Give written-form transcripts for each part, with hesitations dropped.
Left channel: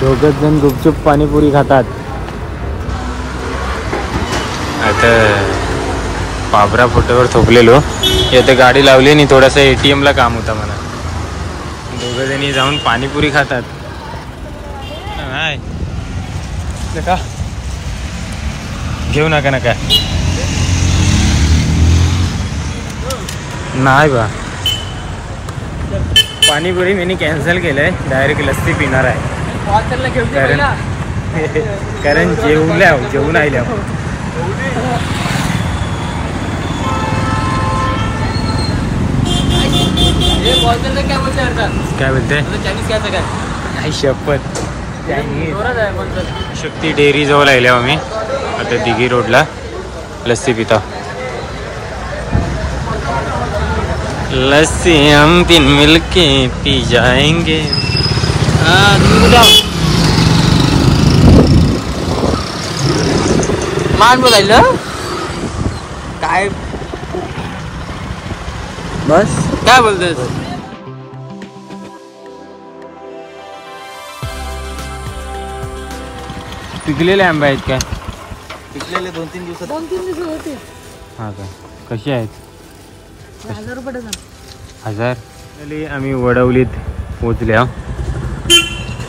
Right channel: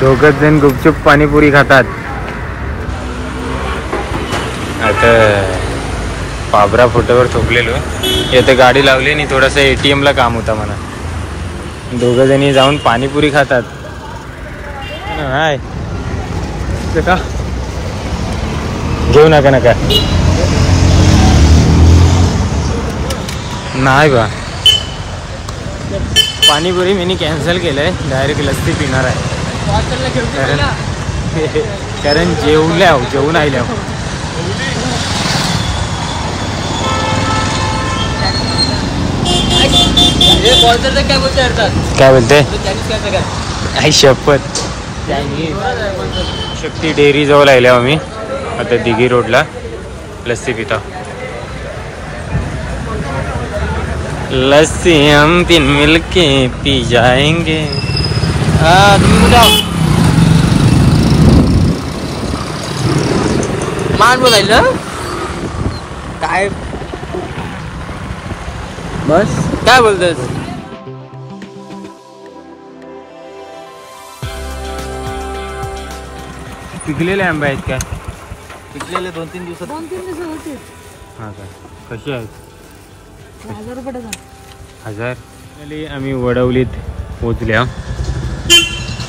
दोघच जण गुपचूप पाणीपुरी खातात. आता पाबरा फोटोवर थोपलेलो. इथे गाडी लावली आणि थोडासा ATM ला काम होता म्हणा. दोघं जणी जाऊन पाणीपुरी खातात. हाय का घेऊ नका नका नाही बा. पाणीपुरी मी कॅन्सल केलंय. डायरेक्ट लस्सी पिणार आहे. कारण जेवून आल्या. काय बोलते आई शपथ. शक्ती डेअरी जवळ आल्या आम्ही. आता दिघी रोडला लस्सी पिता. लस्सी हम 3 मिलके पी जाएंगे. तुम्ही कुठे आहो? मान बोलायला काय बस काय बोलतात. पिकलेले आंबे आहेत काय? पिकलेले 2-3 दिवस होते. हा का? कसे आहेत? 1000 रुपये डझन. 1000. आम्ही वडवलीत पोचल्या.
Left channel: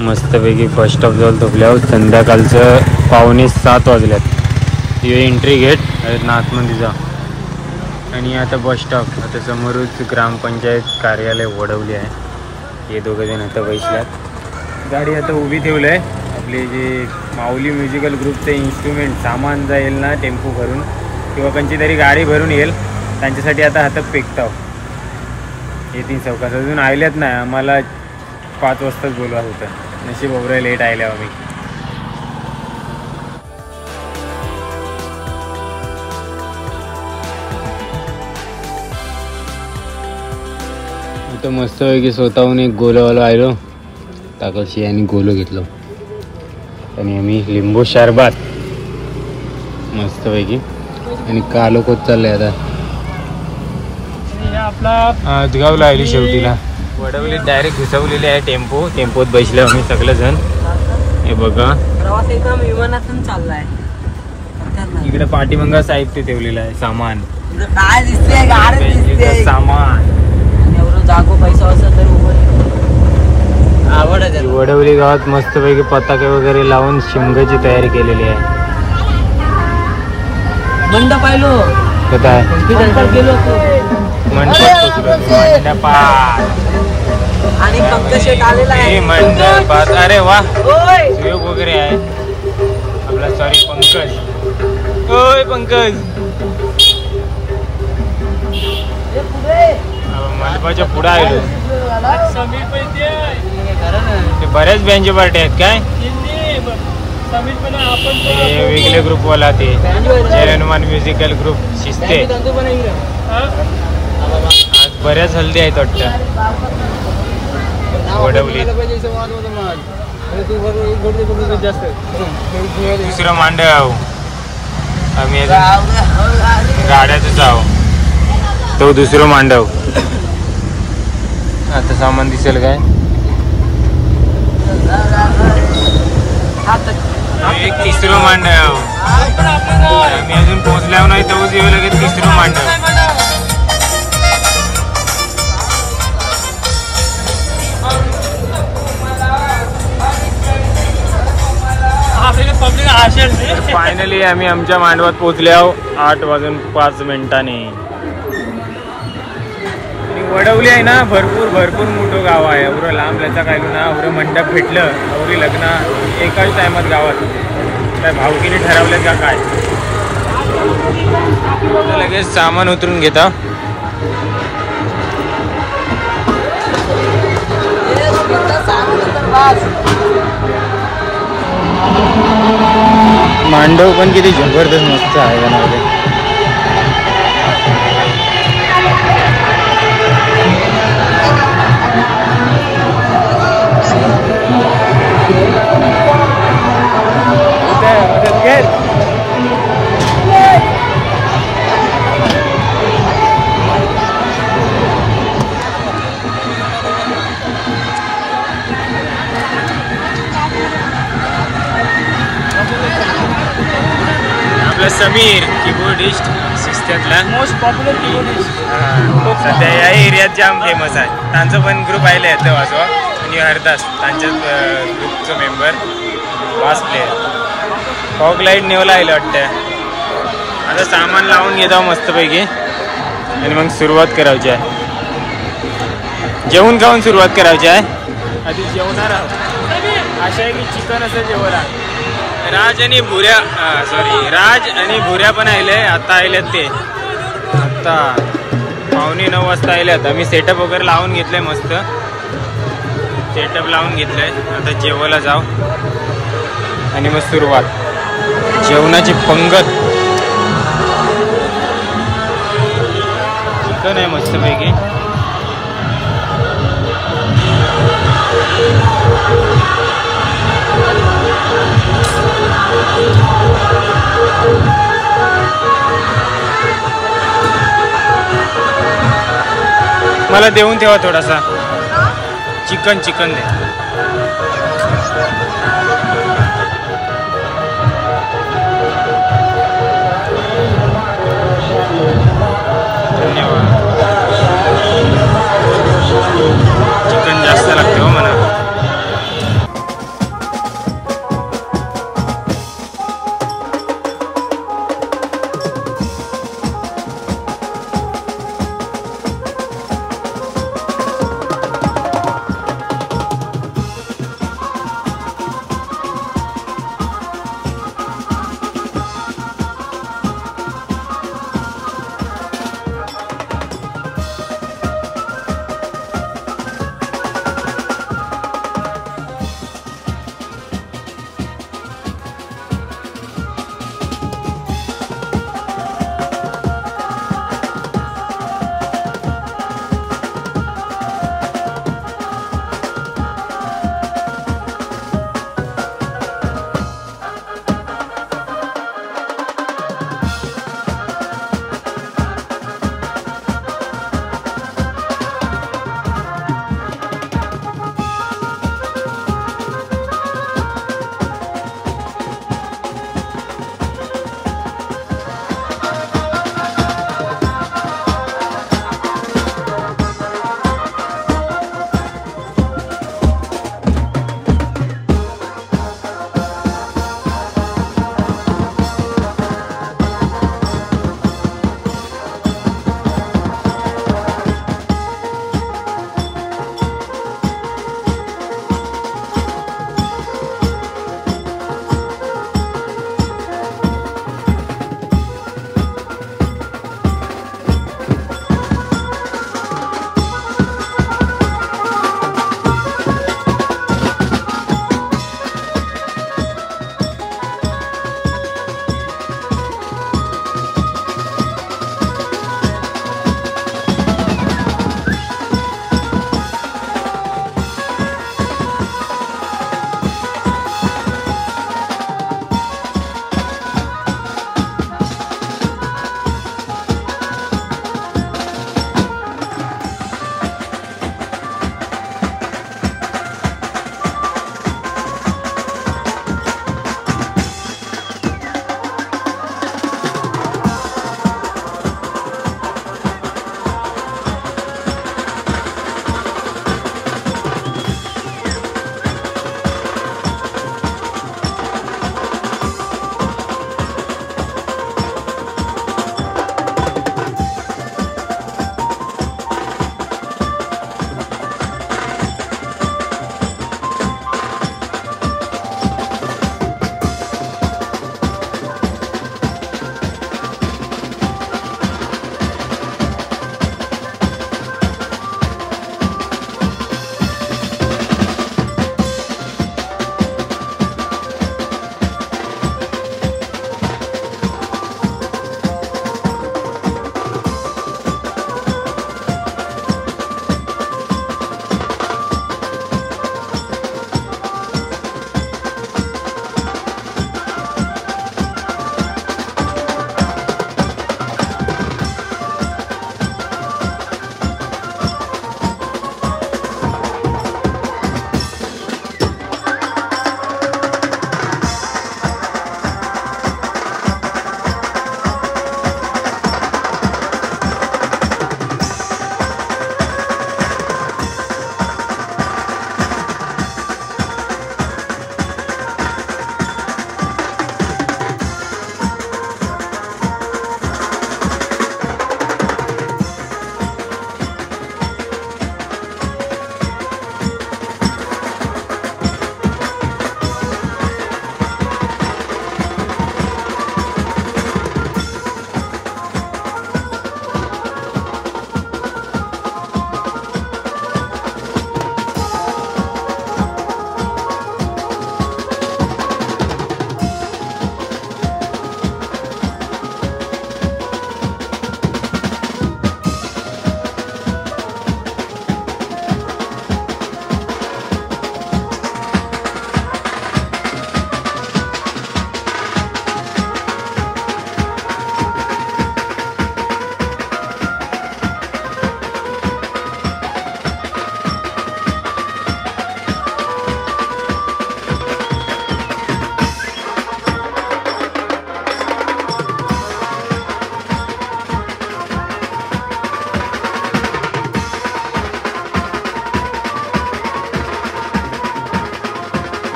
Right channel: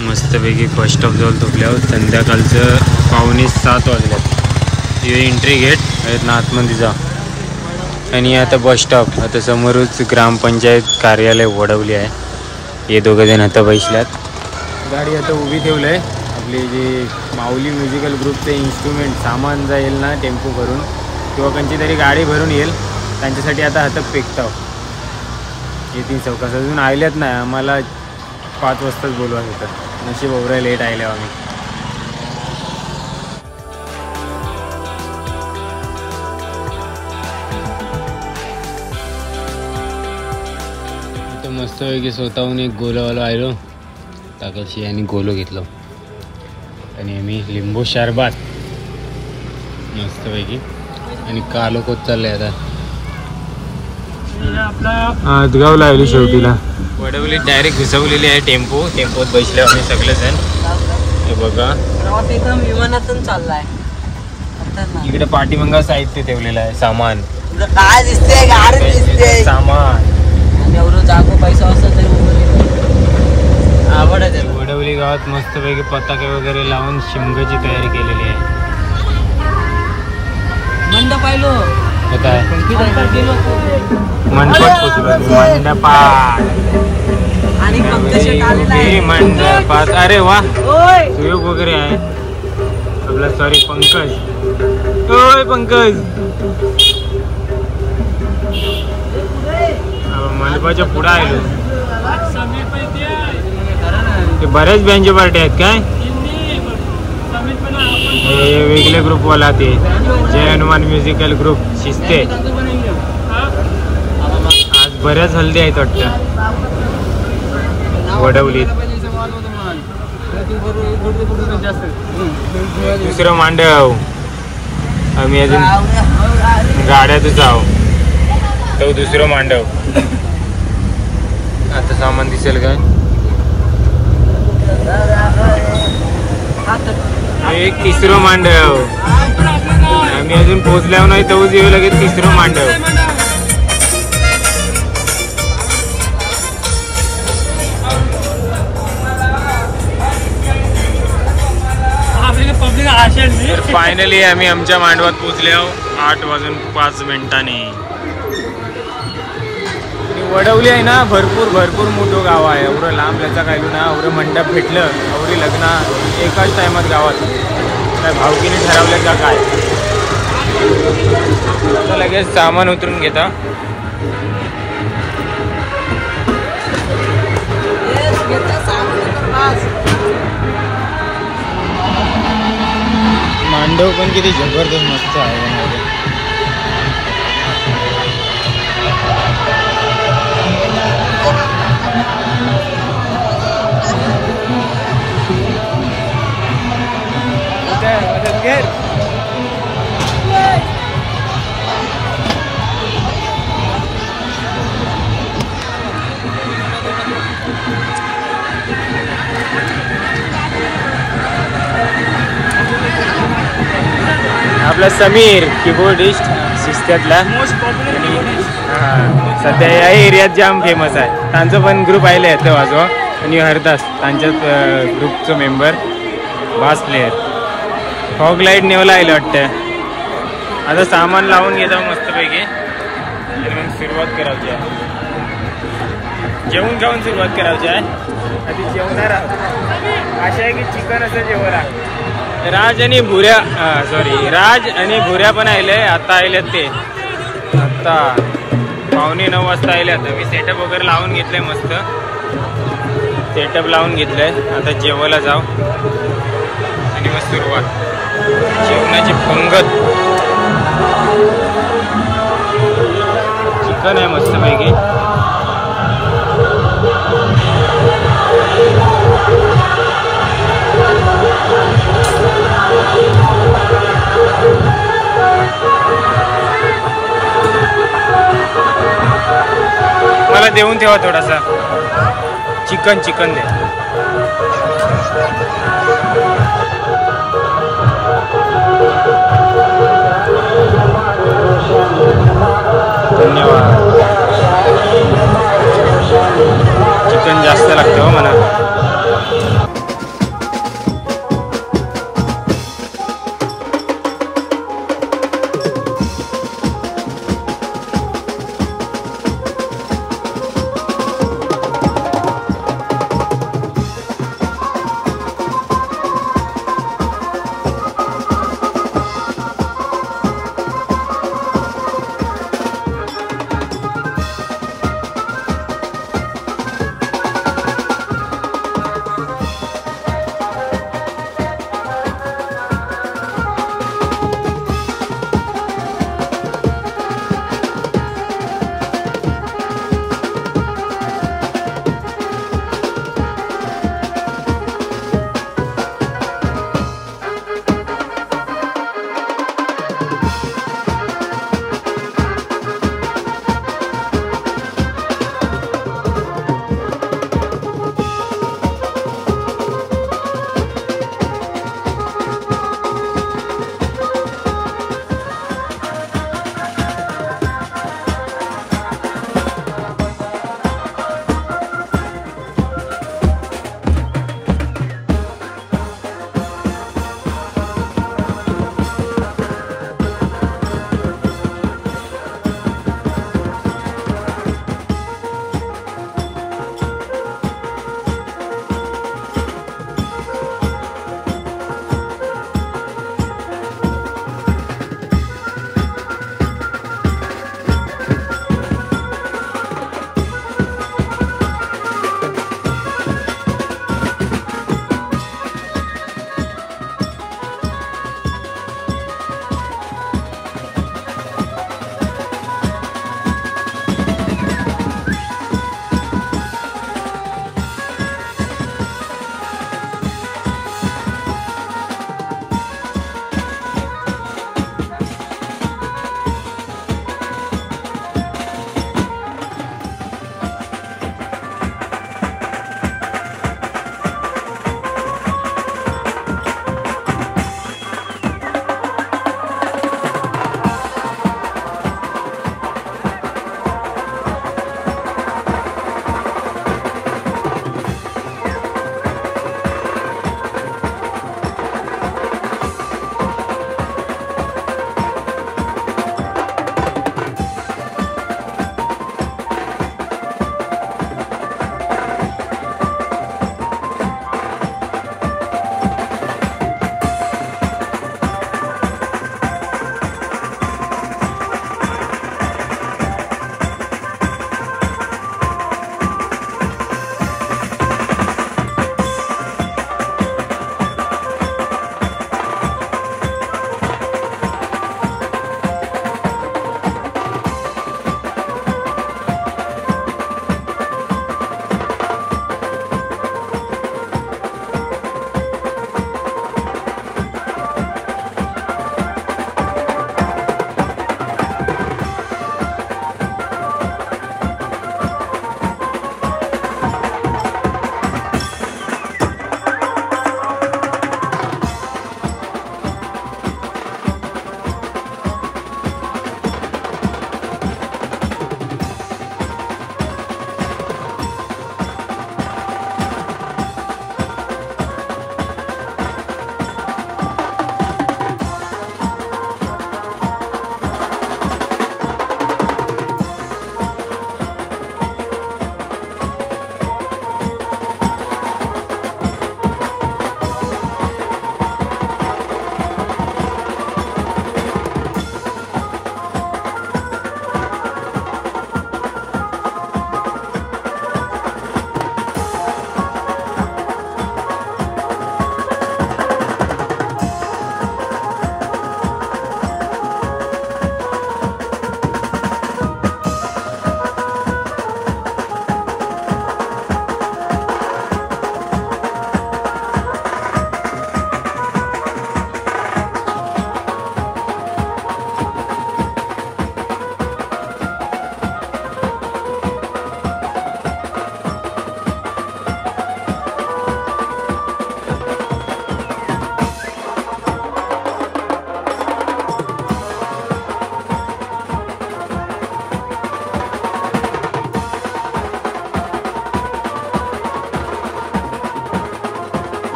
मस्तपैकी बस स्टॉप जवळ थोपल्यावर. संध्याकाळचं 6:45 वाजल्यात. हे एंट्री गेट आहेत ना आतमध्ये जा. आणि आता बस स्टॉप. आता समोरच ग्रामपंचायत कार्यालय वडवली आहे. हे दोघं जण आता बसल्यात. गाडी आता उभी ठेवलं आहे. आपले जे माऊली म्युझिकल ग्रुपचे इन्स्ट्रुमेंट सामान जाईल ना टेम्पो भरून किंवा कोणची तरी गाडी भरून येईल त्यांच्यासाठी आता हातात पेकताव. येतील चौकास. अजून आल्यात नाही. आम्हाला 5 वाजताच बोलवत होतं. नशीब ओवरा लेट आल्या आम्ही. इथं मस्तपैकी स्वतःहून एक गोलोवाला आलो. ताकदशी आणि गोलो घेतलो. आणि आम्ही लिंबू शरबत मस्तपैकी. आणि कालो कोच चाललंय आता. आदगावला आली शेवटीला. वडवली डायरेक्ट घुसवलेली आहे टेम्पोत बसले आम्ही सगळेजण. हे बघा एकदम विमानातून चाललाय. इकडे पाठीमागं साहित्य ठेवलेलं आहे. सामान काय दिसते गाडी दिसते. सामान एवढं जागो पैसा असं वडवली गावात मस्तपैकी पताके वगैरे लावून शिमग्याची तयारी केलेली आहे. मंडप पाहिलो काय मंडपात पोचलो. मंडपात अरे वा सुयोग वगैरे आहे आपला. सॉरी पंकज. होय पंकज. मंडपाच्या पुढे आलो. ते बऱ्याच बँजो पार्टी आहेत काय? हे वेगळे ग्रुपवाला ते जय हनुमान म्युझिकल ग्रुप शिस्ते. आज बऱ्याच हल्दी आहेत वाटतं वडवलीत. दुसरं मांडव. आम्ही अजून गाड्यातच आहो. तो दुसरं मांडव. आता सामान दिसेल काय? एक तिसरं मांडव. आम्ही अजून पोचल्यावर नाही तोच येऊ लगेच तिसरं मांडव. तर फायनली आम्ही आमच्या मांडवात पोचल्यावर 8:05 वडवली आहे ना. भरपूर मोठं गाव आहे. एवढं लांब लचा कायलो ना. एवढं मंडप भेटलं. एवढी लग्न एकाच टायमात गावात. काय भावकीने ठरवलं का काय? आता लगेच सामान उतरून घेता. मांडव पण किती जबरदस्त मस्त आहे बनवले. समीर कीबोर्डिस्ट सिस्टरला मोस्ट पॉप्युलर कीबोर्डिस्ट सध्या या एरियात जाम फेमस आहे. त्यांचं पण ग्रुप आयले येतं वाजवा आणि हरदास त्यांच्यात ग्रुपचं मेंबर मस्त प्लेयर फॉग लाईट नेवला आले वाटतं. आता सामान लावून घेतो मस्तपैकी आणि मग सुरुवात करायची आहे. जेवण खाऊन सुरुवात करायची आहे. आधी जेवणार आहोत. अशा आहे की चिकन असं जेवला. राज आणि भुऱ्या राज आणि भुऱ्या पण आले. आता आलेत ते आता 8:45 वाजता आलेत. आम्ही सेटअप वगैरे लावून घेतलंय. मस्त सेटअप लावून घेतलंय. आता जेवायला जाऊ आणि मग सुरुवात जेवणाची पंगत. चिकन आहे मस्तपैकी. मला देऊन ठेवा थोडासा चिकन दे. धन्यवाद. चिकन जास्त लागते हो म्हणा.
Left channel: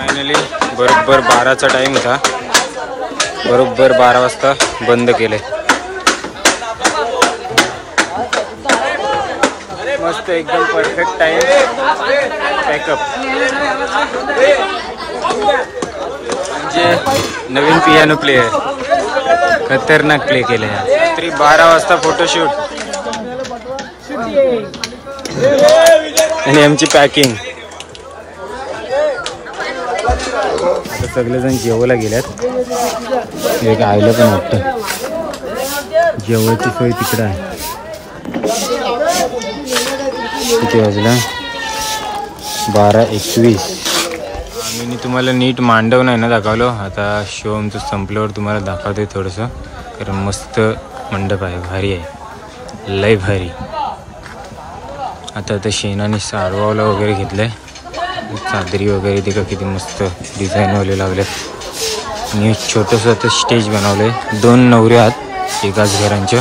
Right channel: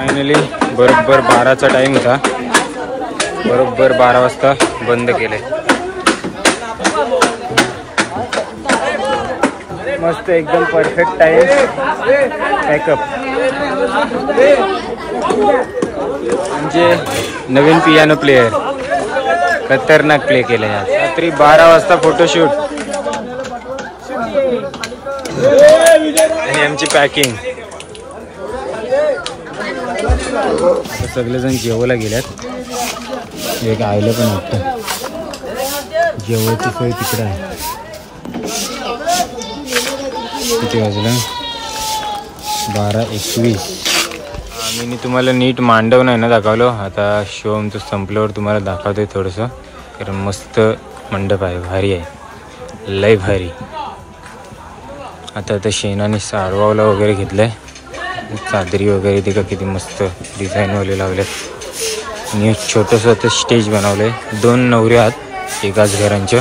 फायनली बरोबर 12चा टाइम होता, बरोबर 12 वाजता बंद केले. मस्त एकदम परफेक्ट टाइम पॅकअप. म्हणजे नवीन पियानो प्लेयर खतरनाक प्ले केले. रात्री 12 वाजता फोटोशूट आणि आमची पॅकिंग. आता सगळेजण जेवायला गेल्यात. एक आईला पण वाटतं जेवायची सोय तिकडं आहे. किती वाजला? 12:21. मी तुम्हाला नीट मांडव नाही ना दाखवलो. आता शो आमचं संपल्यावर तुम्हाला दाखवते थोडंसं, कारण मस्त मंडप आहे, भारी आहे, लय भारी. आता शेणाने सारवावला वगैरे घेतलंय. चादरी वगैरे ते का किती मस्त डिझाईनवाले लावलेत. आणि छोटंसं आता स्टेज बनवलंय. 2 नवऱ्या आहात एकाच घरांच्या,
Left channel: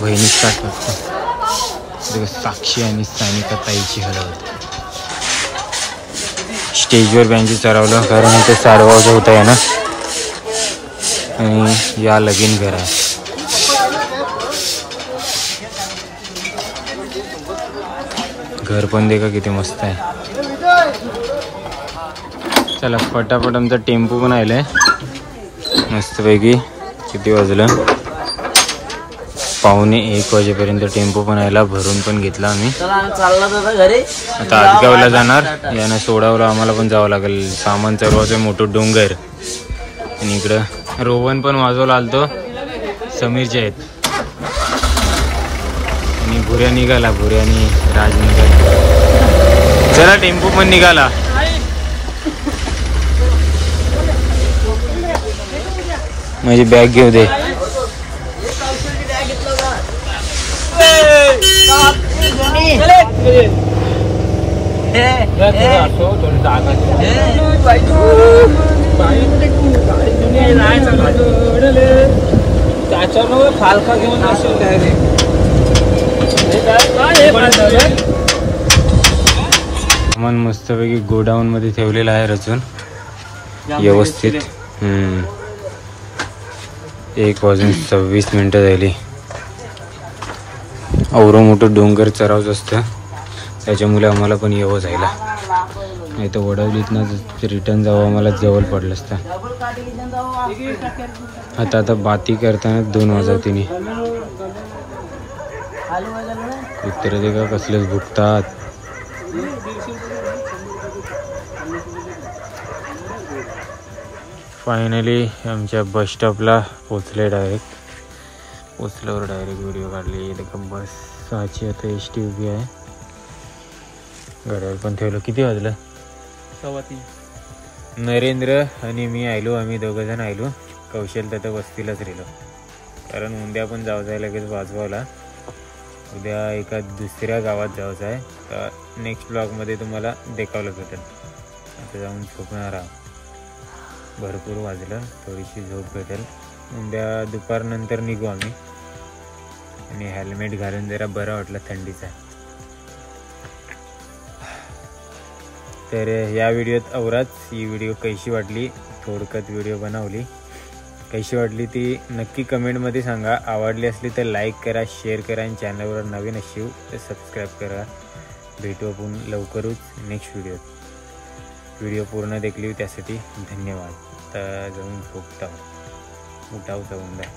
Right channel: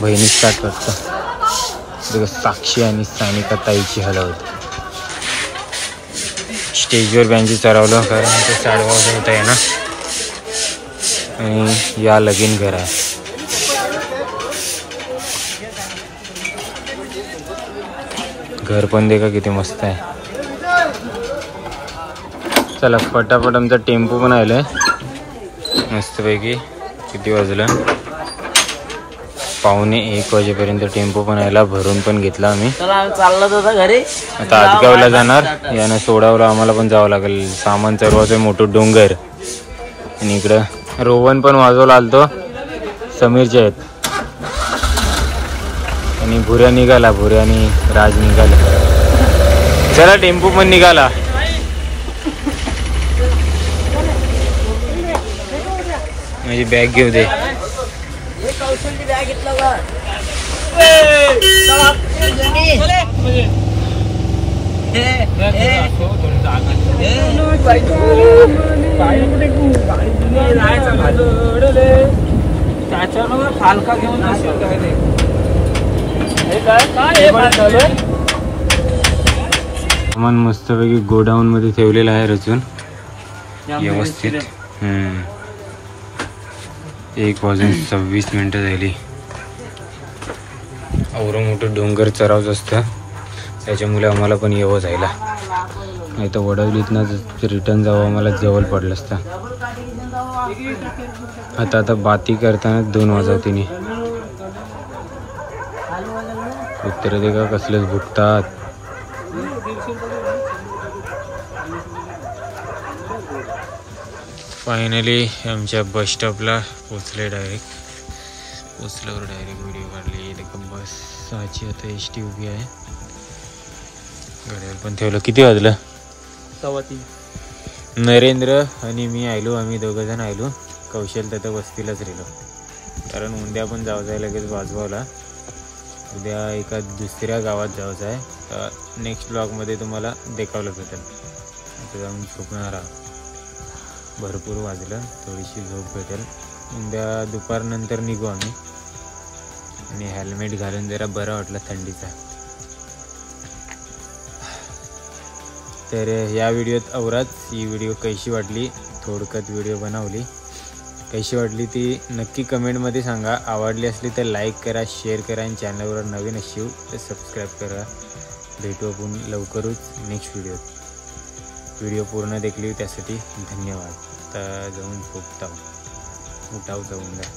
बहिणी 7 वाजता. साक्षी आणि सानिका ताईची हलवत. स्टेजवर बँची चढवलं कारण ते सारवावचं होतं आहे ना. आणि या लगीन घर आहे. घर पण देखा किती मस्त आहे. चला पटापट आमचा टेम्पो पण आलाय मस्तपैकी. किती वाजलं? 12:45 वाजेपर्यंत टेम्पो पण आला, भरून पण घेतला आम्ही. चाललो घरी. आता आदगावला जाणार. यानं सोडावलं आम्हाला पण जावं लागेल. सामान चढवायचं मोठं डोंगर. आणि इकडं रोहन पण वाजवला आलतो, समीरचे आहेत. आणि भुऱ्या निघाला, भुऱ्या आणि राज निघाला. चला टेम्पो पण निघाला. माझी बॅग घेऊ दे. फालका घेऊन असतो काय नाही. सामान मस्तपैकी गोडाऊन मध्ये ठेवलेलं आहे रचून व्यवस्थित. 1:26 झाली. एवढं मोठं डोंगर चरावच असतं, त्याच्यामुळे आम्हाला पण येवं जायला. नाही तर वडवलीत ना रिटर्न जावं, आम्हाला जवळ पडलं असतं. आता बाती करताना 2 वाजवतीने उत्तर दे का कसलेच भुकतात. फायनली आमच्या बस स्टॉपला पोचले. पोचल्यावर डायरेक्ट व्हिडिओ काढले. बस 6ची आता ST उभी आहे. गाड्यावर पण ठेवलं. किती वाजलं? 3:15. नरेंद्र आणि मी आलो, आम्ही 2 जण आलो. कौशल तर वस्तीलाच राहिलो, कारण उद्या पण जायचं आहे लगेच वाजवायला. उद्या एका दुसऱ्या गावात जायचं आहे. तर नेक्स्ट ब्लॉगमध्ये तुम्हाला देखावलं भेटेल. आता जाऊन झोपणार आहोत. भरपूर वाजलं, थोडीशी झोप भेटेल. उद्या दुपारनंतर निघू आम्ही. आणि हेल्मेट घालून जरा बरं वाटलं थंडीचा. तर या व्हिडिओत अवराच. ही व्हिडिओ कशी वाटली, थोडक्यात व्हिडिओ बनवली, कशी वाटली ती नक्की कमेंटमध्ये सांगा. आवडली असली तर लाईक करा, शेअर करा. आणि चॅनलवर नवीन असाल तर सबस्क्राईब करा. भेटू आपण लवकरच नेक्स्ट व्हिडिओत. व्हिडिओ पूर्ण देखली त्यासाठी धन्यवाद. आता जाऊन झोपताव, उठाव जाऊन द्या.